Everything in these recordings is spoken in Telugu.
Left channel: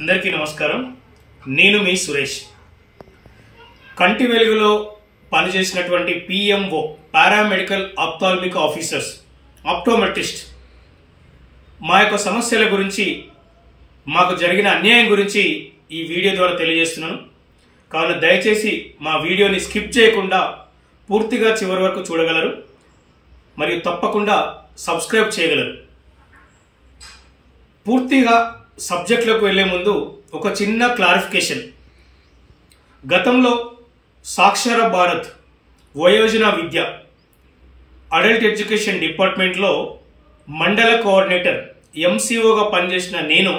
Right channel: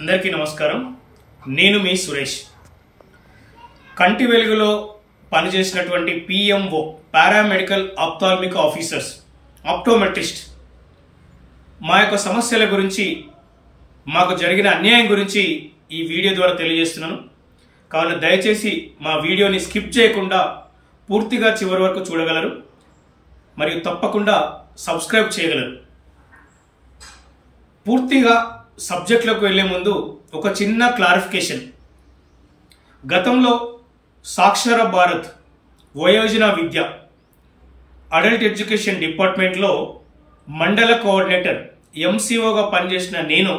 అందరికీ నమస్కారం. నేను మీ సురేష్. కంటి వెలుగులో పనిచేసినటువంటి PMO paramedical ophthalmic officers, optometrist మా యొక్క సమస్యల గురించి, మాకు జరిగిన అన్యాయం గురించి ఈ వీడియో ద్వారా తెలియజేస్తున్నాను. కావున దయచేసి మా వీడియోని స్కిప్ చేయకుండా పూర్తిగా చివరి వరకు చూడగలరు మరియు తప్పకుండా సబ్స్క్రైబ్ చేయగలరు. పూర్తిగా సబ్జెక్టులకు వెళ్లే ముందు ఒక చిన్న క్లారిఫికేషన్. గతంలో సాక్షర భారత్ వయోజన విద్య అడల్ట్ ఎడ్యుకేషన్ డిపార్ట్మెంట్లో మండల కోఆర్డినేటర్ ఎంసీఓగా పనిచేసిన నేను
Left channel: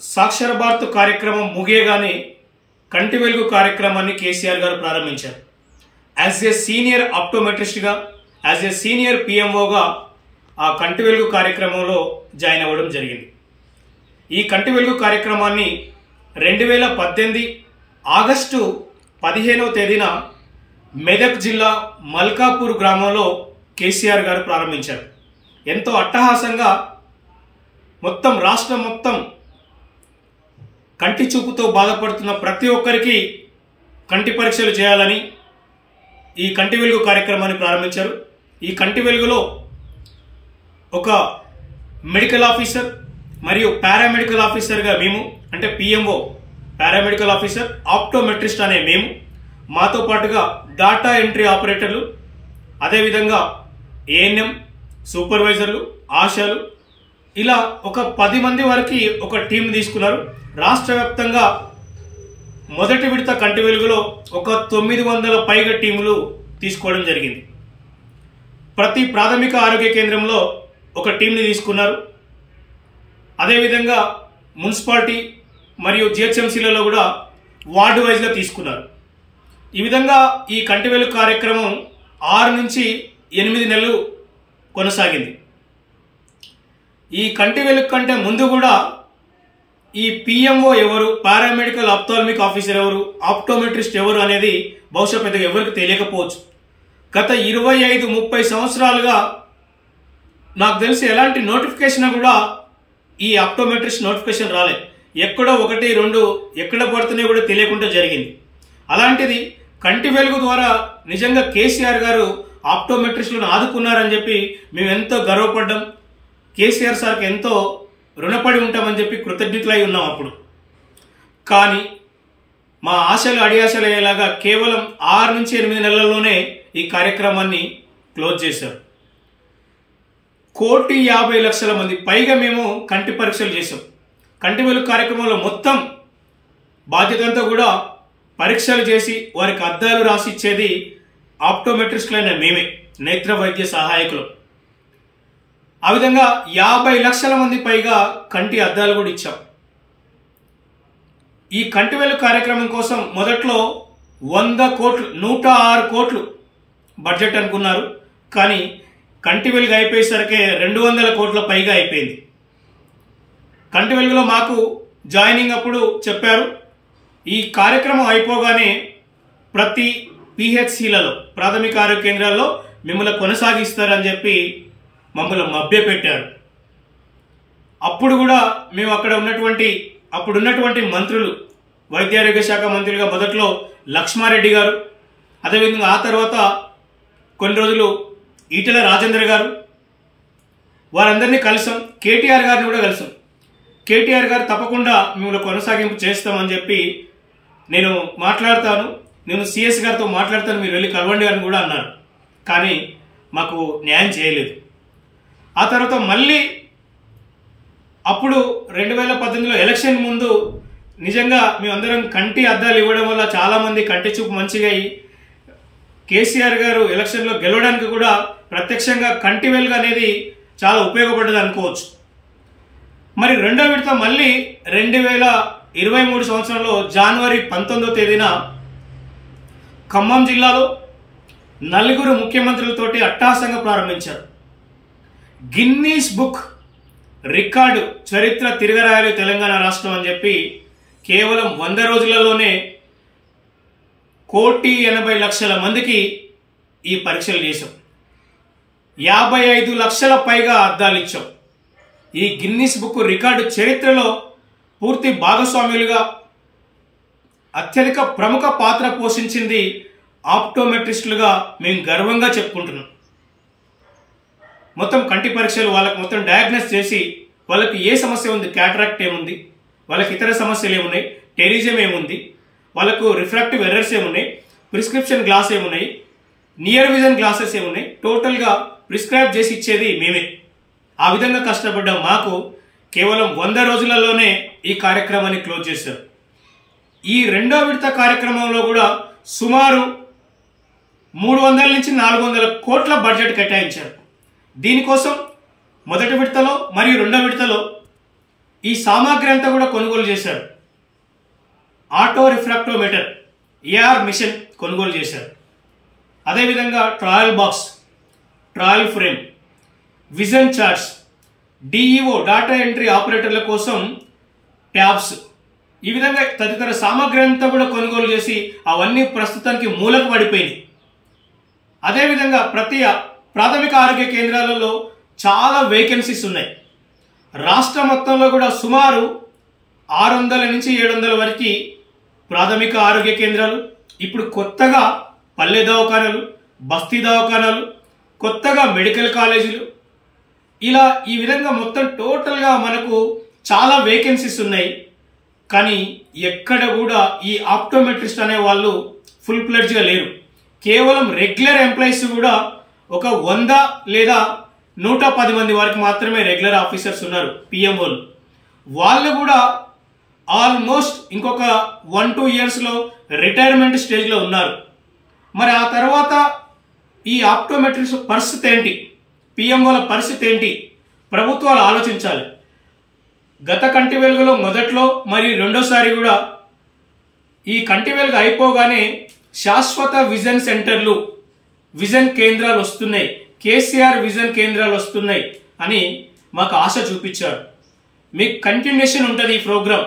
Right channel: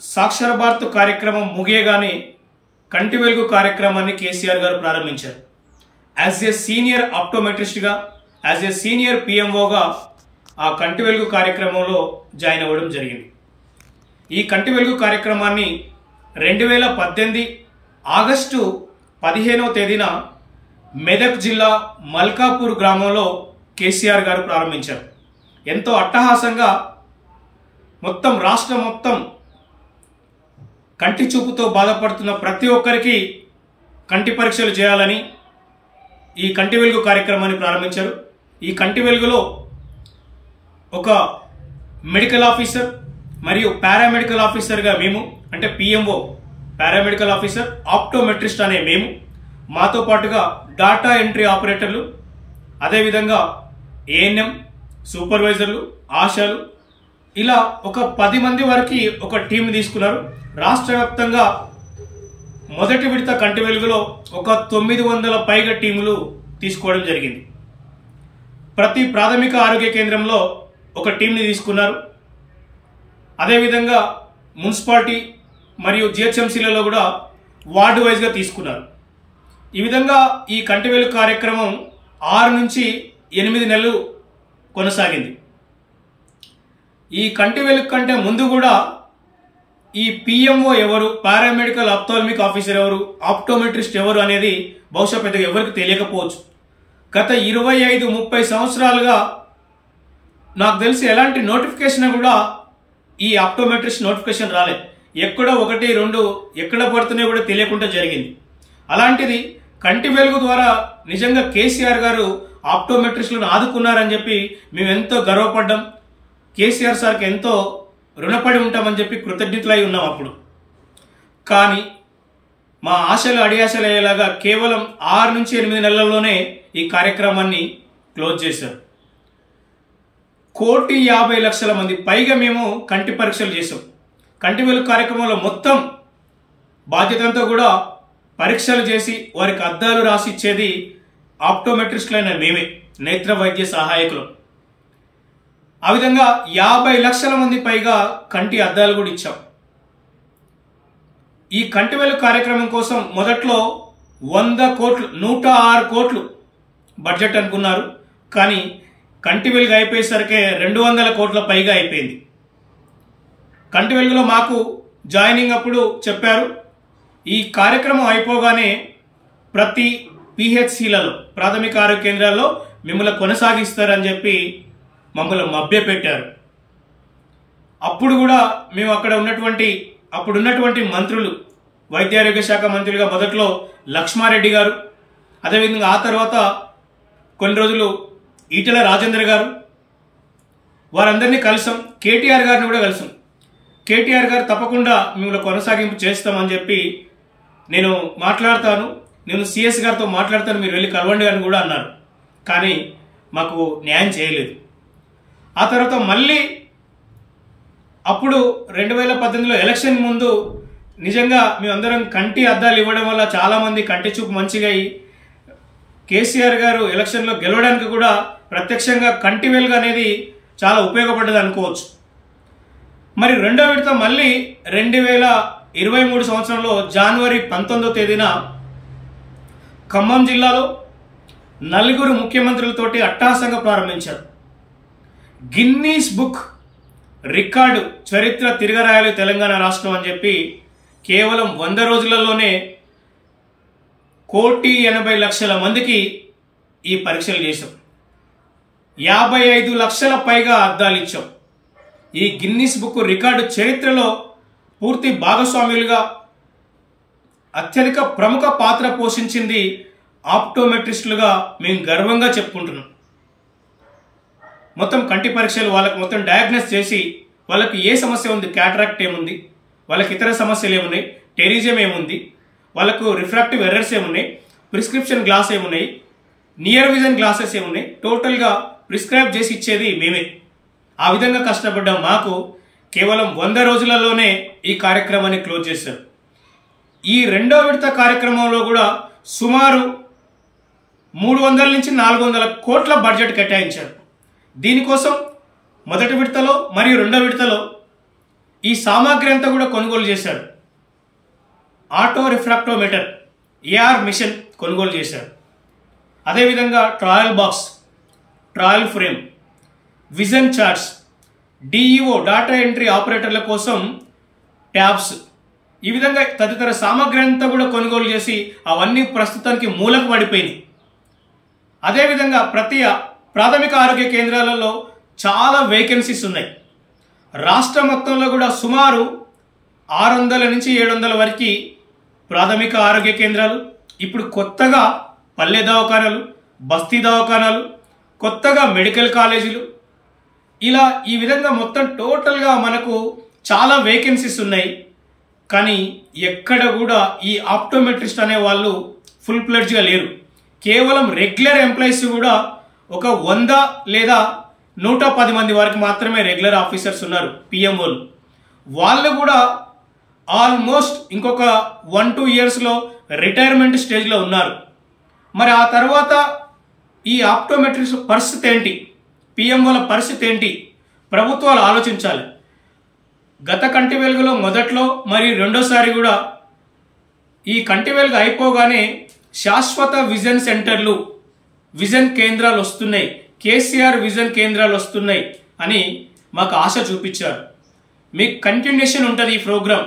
సాక్షర భారత్ కార్యక్రమం ముగియగానే కంటి వెలుగు కార్యక్రమాన్ని కేసీఆర్ గారు ప్రారంభించారు. యాజ్ ఏ సీనియర్ ఆప్టోమెట్రిస్ట్గా, యాజ్ ఏ సీనియర్ పిఎంఓగా ఆ కంటి వెలుగు కార్యక్రమంలో జాయిన్ అవ్వడం జరిగింది. ఈ కంటి వెలుగు కార్యక్రమాన్ని 2018 ఆగస్టు 15వ తేదీన మెదక్ జిల్లా మల్కాపూర్ గ్రామంలో కేసీఆర్ గారు ప్రారంభించారు. ఎంతో అట్టహాసంగా మొత్తం రాష్ట్రం మొత్తం కంటి చూపుతో బాధపడుతున్న ప్రతి ఒక్కరికి కంటి పరీక్షలు చేయాలని ఈ కంటి వెలుగు కార్యక్రమాన్ని ప్రారంభించారు. ఈ కంటి వెలుగులో ఒక మెడికల్ ఆఫీసర్ మరియు పారామెడికల్ ఆఫీసర్గా మేము, అంటే పిఎంఓ పారామెడికల్ ఆఫీసర్, ఆప్టోమెట్రిస్ట్ అనే మేము, మాతో పాటుగా డాటా ఎంట్రీ ఆపరేటర్లు, అదేవిధంగా ఏఎన్ఎం సూపర్వైజర్లు, ఆశాలు, ఇలా ఒక 10 మంది వరకు ఒక టీం తీసుకున్నారు. రాష్ట్ర వ్యాప్తంగా మొదటి విడత కంటి వెలుగులో ఒక 900 పైగా టీములు తీసుకోవడం జరిగింది. ప్రతి ప్రాథమిక ఆరోగ్య కేంద్రంలో ఒక టీంని తీసుకున్నారు. అదేవిధంగా మున్సిపాలిటీ మరియు జిహెచ్ఎంసీలలో కూడా వార్డు వైజ్గా తీసుకున్నారు. ఈ విధంగా ఈ కంటి వెలుగు కార్యక్రమం 6 నుంచి 8 నెలలు కొనసాగింది. ఈ కంటి వెలుగు కంటే ముందు కూడా ఈ పిఎంఓ ఎవరు, పారామెడికల్ ఆప్థాల్మిక్ ఆఫీసర్ ఎవరు, ఆప్టోమెట్రిస్ట్ ఎవరు అనేది బహుశా పెద్దగా ఎవరికి తెలియకపోవచ్చు. గత 25-30 సంవత్సరాలుగా నాకు తెలిసి ఎలాంటి నోటిఫికేషన్ కూడా ఈ ఆప్టోమెట్రిస్ట్ నోటిఫికేషన్ రాలే. ఎక్కడో 1-2 ఎక్కడ పడుతున్నాయో కూడా తెలియకుండా జరిగింది. అలాంటిది కంటి వెలుగు ద్వారా నిజంగా కేసీఆర్ గారు ఆప్టోమెట్రిస్టులను ఆదుకున్నారని చెప్పి మేము ఎంతో గర్వపడ్డాం. కేసీఆర్ సార్కి ఎంతో రుణపడి ఉంటామని చెప్పి కృతజ్ఞతలై ఉన్నాం అప్పుడు. కానీ మా ఆశలు అడియాశలు అయ్యేలాగా కేవలం 6 నుంచి 8 నెలల్లోనే ఈ కార్యక్రమాన్ని క్లోజ్ చేశారు. 1,50,00,000 మంది పైగా మేము కంటి పరీక్షలు చేసాం. కంటి వెలుగు కార్యక్రమంలో మొత్తం బాధ్యతలతో కూడా పరీక్షలు చేసి వారికి అద్దాలు రాసి ఇచ్చేది ఆప్టోమెట్రిస్టులైన మేమే, నేత్ర వైద్య సహాయకులు. ఆ విధంగా 50,00,000 మంది పైగా కంటి అద్దాలు కూడా ఇచ్చాం. ఈ కంటి వెలుగు కార్యక్రమం కోసం మొదట్లో 100 కోట్లు, 106 కోట్లు బడ్జెట్ అనుకున్నారు. కానీ కంటి వెలుగు అయిపోయేసరికి 200 కోట్ల పైగా అయిపోయింది. కంటి వెలుగులో మాకు జాయినింగ్ అప్పుడు చెప్పారు, ఈ కార్యక్రమం అయిపోగానే ప్రతి పిహెచ్సిలలో, ప్రాథమిక ఆరోగ్య కేంద్రాల్లో మిమ్మల్ని కొనసాగిస్తారని చెప్పి మమ్మల్ని మభ్యపెట్టారు. అప్పుడు కూడా మేము అక్కడ అప్పుడున్నటువంటి మంత్రులు, వైద్య ఆరోగ్య శాఖ మంత్రులుగా మొదట్లో లక్ష్మారెడ్డి గారు, అదేవిధంగా ఆ తర్వాత కొన్ని రోజులు ఈటెల రాజేందర్ గారు, వారందరినీ కలిసాం. కేటీఆర్ గారిని కూడా కలిసాం. కేటీఆర్ గారు తప్పకుండా మిమ్మల్ని కొనసాగింపు చేస్తామని చెప్పి, నేను మాట్లాడతాను, నేను సిఎస్ గారితో మాట్లాడతాను, మీరు వెళ్ళి కలవండి అని కూడా అన్నారు. కానీ మాకు న్యాయం చేయలేదు. ఆ తర్వాత మళ్ళీ అప్పుడు 2018లో ఎలక్షన్ ముందు నిజంగా మేమందరం కంటి అద్దాలు ఇవ్వడం వల్ల చాలామంది కంటి చూపు మంచిగా అయ్యి కేసీఆర్ గారు ఎలక్షన్లో గెలవడానికి కూడా ప్రత్యక్షంగా కంటి వెలుగు అనేది చాలా ఉపయోగపడ్డది అనుకోవచ్చు. మరి రెండో విడత మళ్ళీ 2023 సంవత్సరంలో జనవరి 19వ తేదీన ఖమ్మం జిల్లాలో 4 ముఖ్యమంత్రులతోటి అట్టహాసంగా ప్రారంభించారు. గిన్నీస్ బుక్ రికార్డు చరిత్ర తిరగరాయాలి తెలంగాణ రాష్ట్రం అని చెప్పి కేవలం 100 రోజులలోనే 1,80,00,000 మందికి ఈ పరీక్షలు చేశాం. 55 లక్షల పైగా అద్దాలు ఇచ్చాం. ఈ గిన్నిస్ బుక్ రికార్డు చరిత్రలో పూర్తి భాగస్వాములుగా అత్యధిక ప్రముఖ పాత్ర పోషించింది ఆప్టోమెట్రిస్టులుగా మేము గర్వంగా చెప్పుకుంటున్నాం. మొత్తం కంటి పరీక్షలు వాళ్ళకి మొత్తం డయాగ్నోస్ చేసి వాళ్ళకి ఏ సమస్య ఉంది, క్యాటరాక్ట్ ఏముంది, వాళ్ళకి ఇతర సమస్యలు ఏమున్నాయి, టెరిజం ఏముంది, వాళ్ళకు రిఫ్రాక్టివ్ ఎర్రర్స్ ఏమున్నాయి, ప్రిస్క్రిప్షన్ గ్లాస్ ఏమున్నాయి, నియర్ విజన్ గ్లాసెస్ ఏమున్నాయి, టోటల్గా ప్రిస్క్రైబ్ చేసి ఇచ్చేది మేమే. ఆ విధంగా కష్టపడ్డ మాకు కేవలం 100 రోజులలోనే ఈ కార్యక్రమాన్ని క్లోజ్ చేశారు. ఈ రెండో విడత కార్యక్రమంలో కూడా సుమారు 300 నుంచి 400 కోట్ల బడ్జెట్ కేటాయించారు. దీనికోసం మొదటి విడతలో మరియు రెండో విడతలో ఈ సామాగ్రి అంతా కూడా కొనుగోలు చేశారు. ఆటో రిఫ్రాక్టోమీటర్ ఏఆర్ మిషన్ కొనుగోలు చేశారు. అదేవిధంగా trial box, trial frame, vision charts, DEO data entry ఆపరేటర్ల కోసం ట్యాబ్స్, ఈ విధంగా తదితర సామాగ్రి అంతా కూడా కొనుగోలు చేసి అవన్నీ ప్రస్తుతానికి మూలకు పడిపోయినాయి. అదేవిధంగా ప్రతి ప్రాథమిక ఆరోగ్య కేంద్రాలలో చాలా వేకెన్సీస్ ఉన్నాయి. రాష్ట్ర మొత్తంలో కూడా సుమారు 600 నుంచి 700 వరకు ప్రాథమిక ఆరోగ్య కేంద్రాలు, ఇప్పుడు కొత్తగా పల్లె దవాఖానాలు, బస్తీ దవాఖానాలు, కొత్తగా మెడికల్ కాలేజీలు, ఇలా ఈ విధంగా మొత్తం టోటల్గా మనకు చాలా వేకెన్సీస్ ఉన్నాయి. కానీ ఎక్కడ కూడా ఈ ఆప్టోమెట్రిస్ట్ అనే వాళ్ళు ఫుల్ ప్లెడ్జ్గా లేరు. కేవలం రెగ్యులర్ ఎంప్లాయీస్ కూడా ఒక 100 లేదా 110 మంది వరకు మాత్రమే రెగ్యులర్ ఆఫీసర్స్ ఉన్నారు, పిఎంఓలు. వాళ్ళు కూడా ఆల్మోస్ట్ ఇంకొక 1-2 ఇయర్స్లో రిటైర్మెంట్ స్టేజ్లో ఉన్నారు. మరి ఆ తర్వాత ఈ ఆప్టోమెట్రిస్ట్ పరిస్థితి ఏంటి, పిఎంఓల పరిస్థితి ఏంటి, ప్రభుత్వాలు ఆలోచించాలి. గత కంటి వెలుగులో మొదట్లో మరియు రెండోసారి కూడా ఈ కంటి వెలుగు అయిపోగానే శాశ్వత విజన్ సెంటర్లు, విజన్ కేంద్రాలు వస్తున్నాయి, కేసీఆర్ విజన్ కేంద్రాలు వస్తున్నాయి అని మాకు ఆశ చూపించారు. మీకు కంటిన్యూషన్ ఉంటుంది ఈ ప్రోగ్రాం.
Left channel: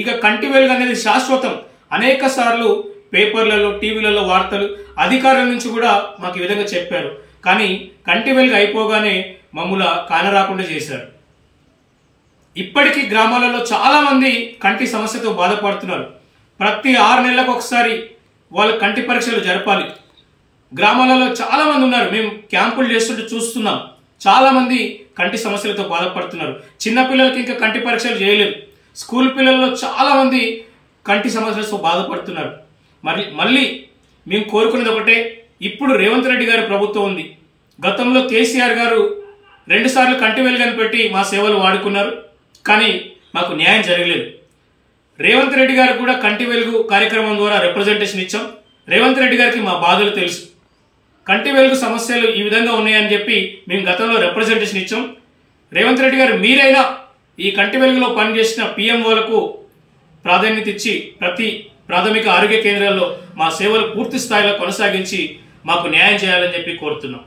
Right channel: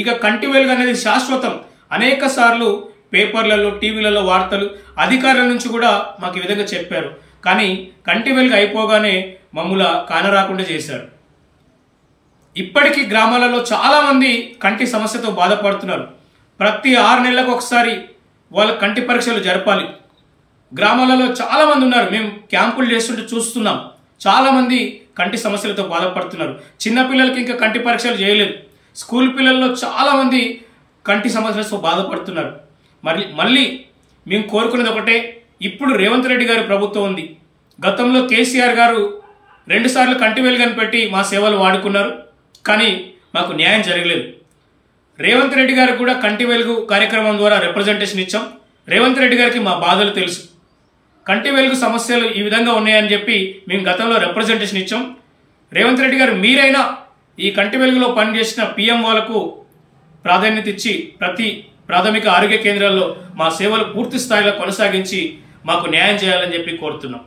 ఇక కంటి వెలుగు అనేది శాశ్వతం. అనేక సార్లు పేపర్లలో, టీవీలలో వార్తలు, అధికారుల నుంచి కూడా మాకు ఈ విధంగా చెప్పారు. కానీ కంటి వెలుగు అయిపోగానే మమ్మల్ని కానరాకుండా చేశారు. ఇప్పటికీ గ్రామాలలో చాలా మంది కంటి సమస్యతో బాధపడుతున్నారు. ప్రతి 6 నెలలకు ఒకసారి వాళ్ళ కంటి పరీక్షలు జరపాలి. గ్రామాలలో చాలా మంది ఉన్నారు, మేము క్యాంపులు చేస్తుంటే చూస్తున్నాం. చాలా మంది కంటి సమస్యలతో బాధపడుతున్నారు. చిన్నపిల్లలకి ఇంకా కంటి పరీక్షలు చేయలేదు. స్కూల్ పిల్లల్లో చాలా మంది కంటి సమస్యలతో బాధపడుతున్నారు. మళ్ళీ మేము కోరుకునేది ఒకటే, ఇప్పుడు రేవంత్ రెడ్డి గారి ప్రభుత్వం ఉంది. గతంలో కేసీఆర్ గారు 2 సార్లు కంటి వెలుగని పెట్టి మా సేవలు వాడుకున్నారు. కానీ మాకు న్యాయం జరగలేదు. రేవంత్ రెడ్డి గారికి కూడా కంటి వెలుగు కార్యక్రమం ద్వారా రిప్రజెంటేషన్ ఇచ్చాం. రేవంత్ రెడ్డి గారికి మా బాధలు తెలుసు. కంటి వెలుగు సమస్యలు ఈ విధంగా ఉన్నాయని చెప్పి మేము గతంలో రిప్రజెంటేషన్ ఇచ్చాం. రేవంత్ రెడ్డి గారు మీరైనా ఈ కంటి వెలుగులో పనిచేసిన పిఎంఓలకు ప్రాధాన్యత ఇచ్చి ప్రతి ప్రాథమిక ఆరోగ్య కేంద్రాల్లో మా సేవలు పూర్తి స్థాయిలో కొనసాగించి మాకు న్యాయం చేయాలని చెప్పి కోరుతున్నాం.